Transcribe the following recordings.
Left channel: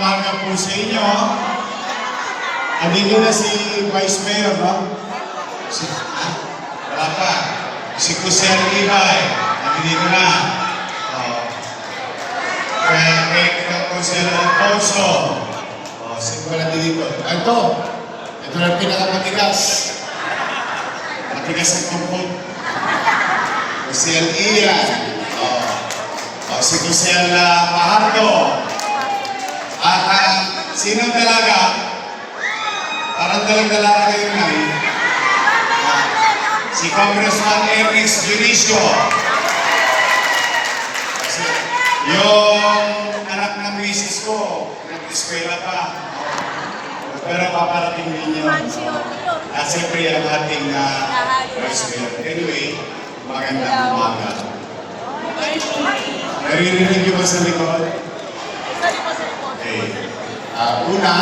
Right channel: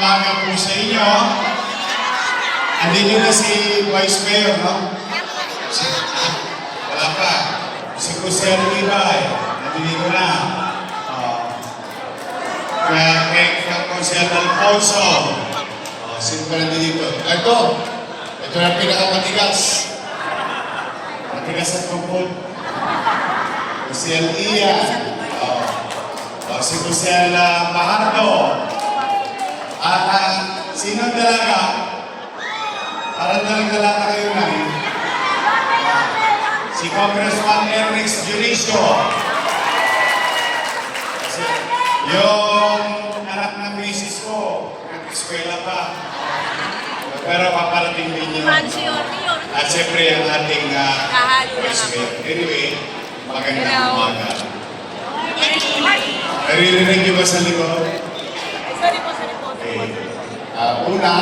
umaga po sa inyo. Andito na si Vice Mayor, no? Wala pa. Si Crucial Ibay, nandito na. Kaya Crucial Alfonso. Sino ba nandito? Ito na pinakamatigas. Matigas ang kumpul. Crucial Ian. Si Crucial Mahardo. At sino talaga? Parang dalaga kayo na eh. Si Congressman Ernest Junicio. Kasi yung anak ng misis ko, nag-eskwela pa. Pero paparating din yun. At siyempre ang ating vice mayor. Anyway, magandang umaga. Naririnig niyo ba sa likod? Una,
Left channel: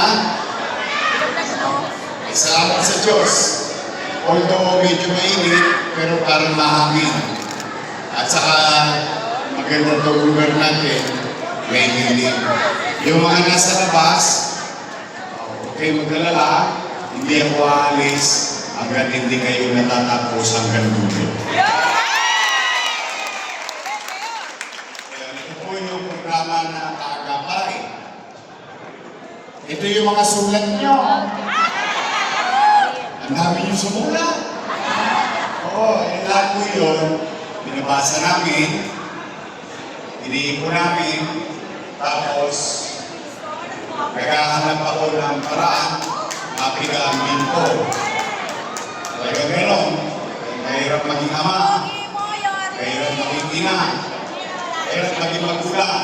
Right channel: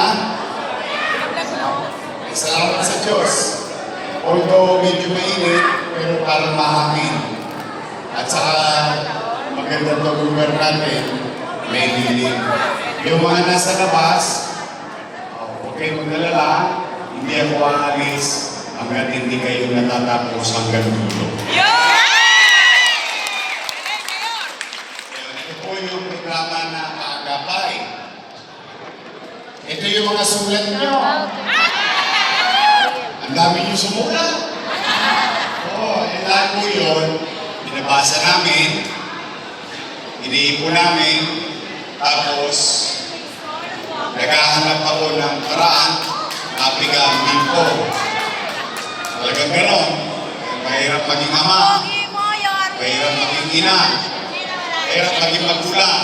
salamat sa Diyos. Although medyo mainit, pero parang mahangin. At saka maganda itong lugar natin, may dilim. Yung mga nasa labas, okay magdalala, hindi ako aalis hanggang hindi kayo natatapos hanggang dulo. Ito po yung programa na kaagapay. Ito yung mga sulat nyo. Ang dami nyo sumulat. Oo, yung lahat po yun, binabasa namin, iniipon namin, tapos naghahanap ako ng paraan, apligamin ko. Talagang ganon. Mahirap maging ama, mahirap maging ina, mahirap maging magulang.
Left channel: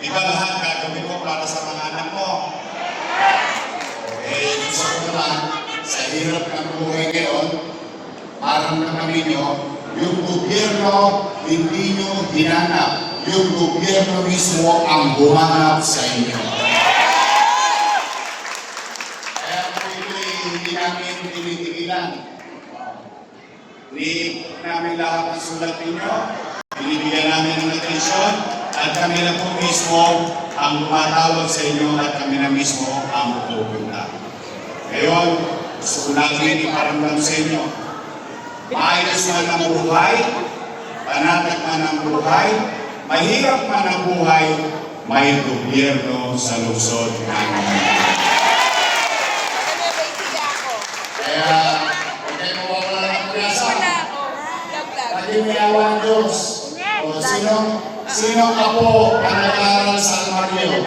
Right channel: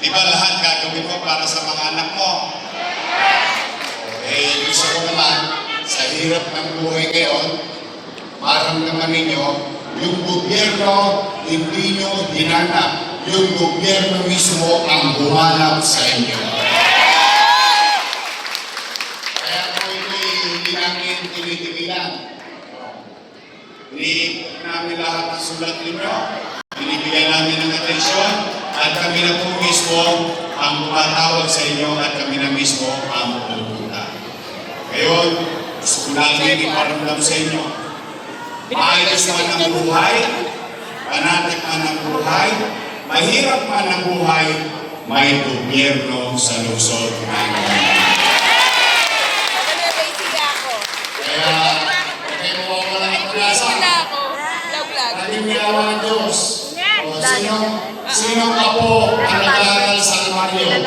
Di ba lahat gagawin mo para sa mga anak mo? Gusto ko naman, sa hirap ng buhay ngayon, maramdaman ninyo, yung gobyerno hindi nyo hinanap. Yung gobyerno mismo ang bumanap sa inyo. Kaya po hindi namin tinitigilan. Iniipot namin lahat ng sulat ninyo, binibigyan namin ng atensyon, at kami na po mismo ang tumatawag sa inyo at kami na mismo ang pupunta. Ngayon, gusto ko natin iparamdam sa inyo. Maayos man ang buhay, panatik man ang buhay, mahirap man ang buhay, may gobyerno sa lungsod namin. Kaya, okay mo ako lang ang pinasan. Ating yawa Diyos. Sino ka po ang nag-aaral sa Almario?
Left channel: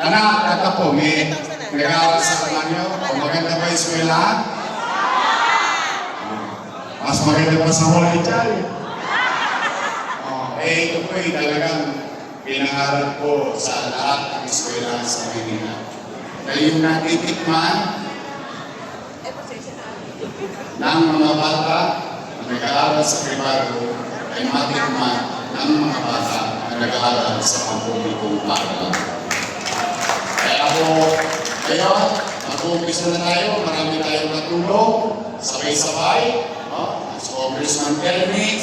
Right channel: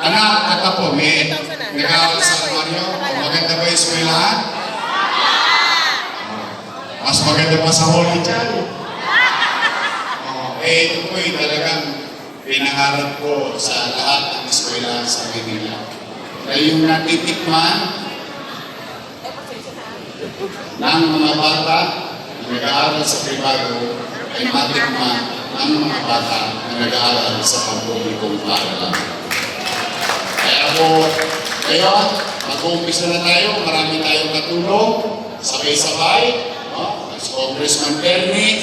Anak at ako, may nag-aaral sa Almario? O maganda ba yung eskwelahan? Mas maganda pa sa Holy Child. Ito po yung talagang pinangarap ko sa lahat ng eskwelahan sa Manila. Dahil yung natitikman ng mga bata na nag-aaral sa privado ay matikman ng mga bata na nag-aaral sa pampublikong paaralan. Kaya po, ngayon, mag-uumpisa na tayo, marami tayong natulong, sabay-sabay, si Congressman Ernix,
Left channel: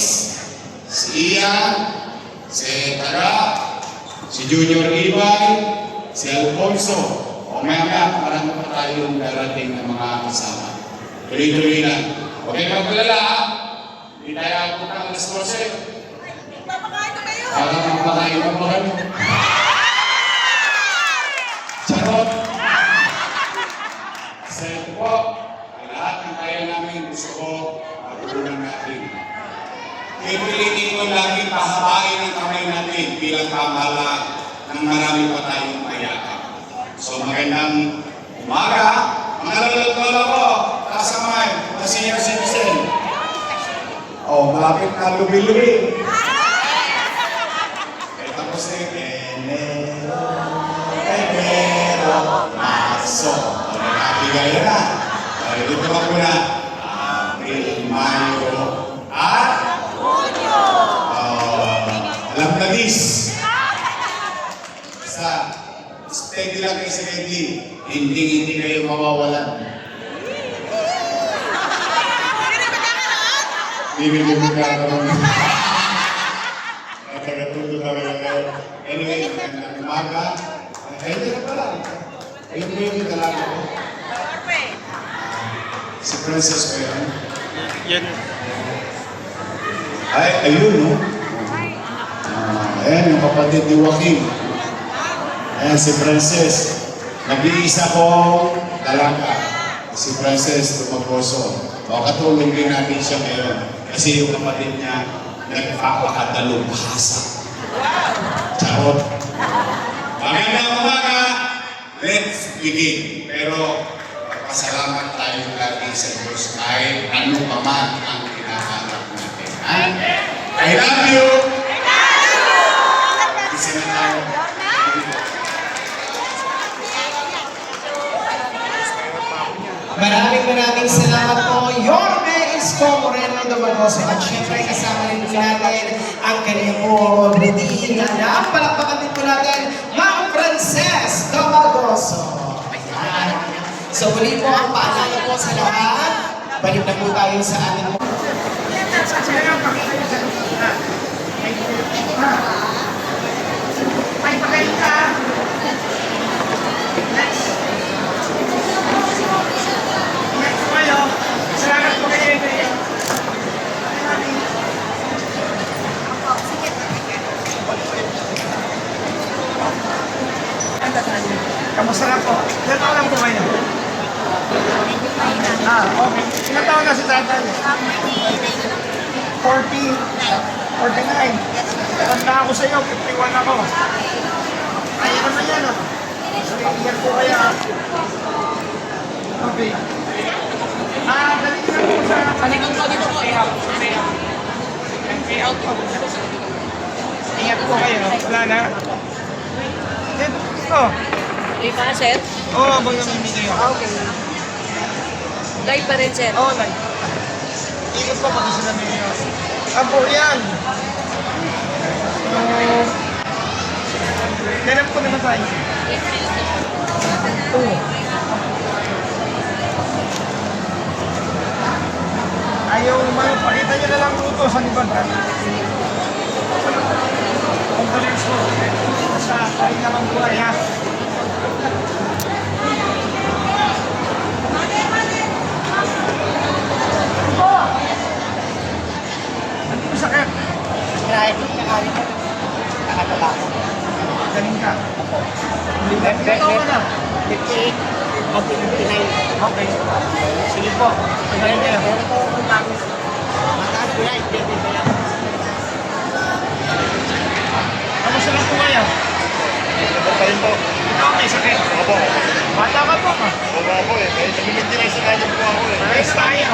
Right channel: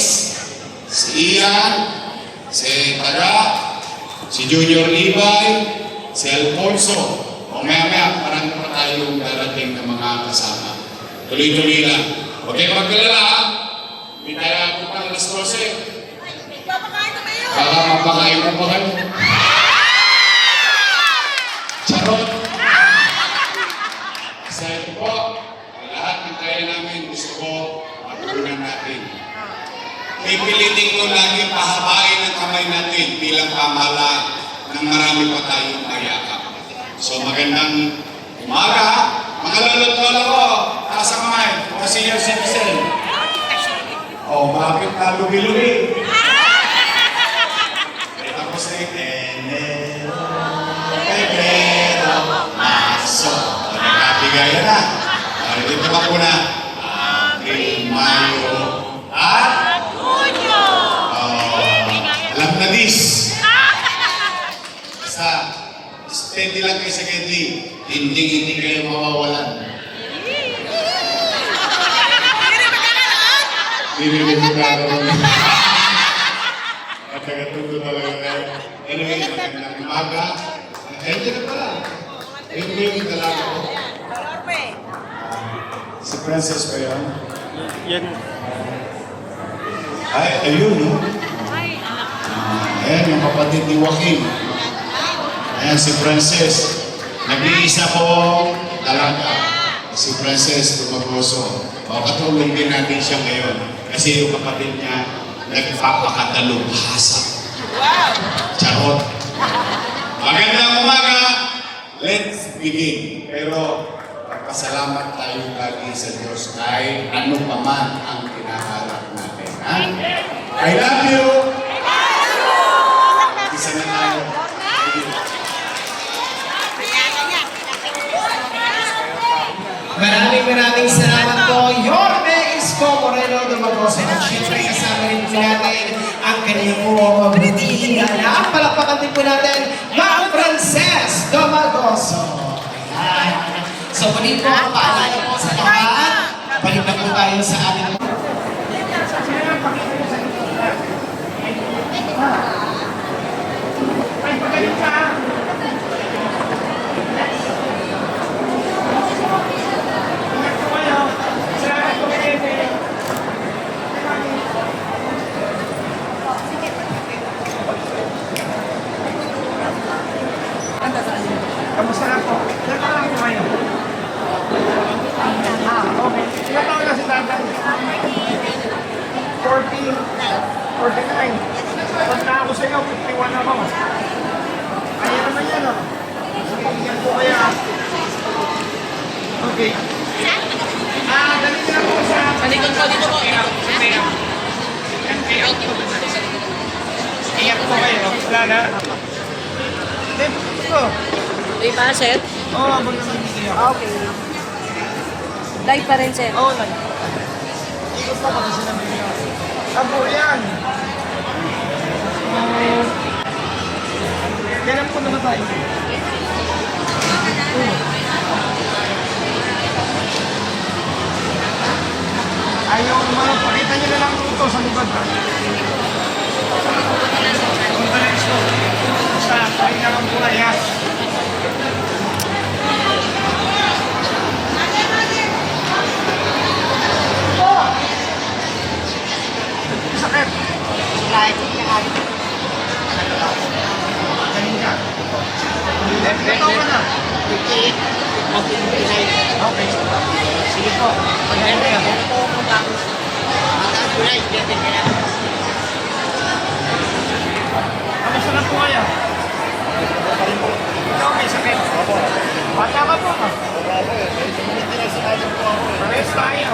si Ian, si Taga, si Junior Ibay, si Alfonso. O maya-maya, marami pa tayong darating ng mga kasama. Tuloy-tuloy lang. Huwag kayong magkalala, hindi tayo apunta ng alas 12. Baka mapakain mo ba kayo? Charot! Sa ito po, lahat ng kaya namin gusto ko matulungan natin. Pipilitin ko lagi pahabain ang kamay natin bilang pamahalaan ng marami pa tayong mayakap. So magandang umaga. Mga lalot-lolo ko, taas ang kamay, mga senior citizen. Bakit na lubi-lubi? Enero, Marso. Nagkakigaya na. Dito ka muna. April, Mayo, at Junyo. Alam na dis. Basta, steady lang kayo sa steady. Hindi kayo mawawalan. Hindi rin magkakaroon. At nagatuto talaga kayo. Anyway, magandang umaga. Ayun na pala. Ayun yung dalaga ko. Si Princess ba yun? Yan. Ay, ayun, no? Ayan, yung kapatid ni Joaquin. Ayan, si Princess. Nag-iisa kong dalaga. Si Princess Tumagoso. O, katulong din natin siya ngayon. Kasi yung kapatid niya, nagpapakadalubhasa. Charot. Magandang umaga. Let's begin. Pero, salamat tayo lagi sa Diyos kahit ano pa man ang hinahanap natin. Ha? I love you! Isa na tayo. Maraming salamat po. Yorme Isko Moreno Dumagoso. At syempre kasama rin po natin ang kanyang po butihin na palakpakan din po natin, Ma'am Frances Dumagoso. Ayan. So muli po, paalala po sa lahat. Balik na po tayo sa ating Kamusta lang po? Ilan taon lang po kayo? Okay. Ilan taon na si tatay? 49. Tanda ako sa iyo, 51 ako. Kaya naman yan ah. Sabihan ko kaya ah. Okay. Dali na po sa... Panikon ko dito po. Iyak po kayo. Wala na. Ito. Di ba, sir? Oo, abang naman dito yun. Okay. Live pa rin, sir. Oo, like. Ikot pa pag sinabi nyo. Abo yan. Meron ko na tayo. Ayaw mga pakita nyo na lang ito sa libad. Conference ko. Basta pakita kang buhay ha. Sakit. Kahit nakatulako. Galing ka. Ilan taon ka na? 58, mag-59. Okay. Sige po. Pagaling kayo. Pero po kung bago, mataas ko na, hindi kaya. Kamusta lang po kayo? Ito pa rin po. Ikaw may sakit. Opo. Bata ka po ka. Opo ako eh. May maintenance na po ako eh. Pares tayo.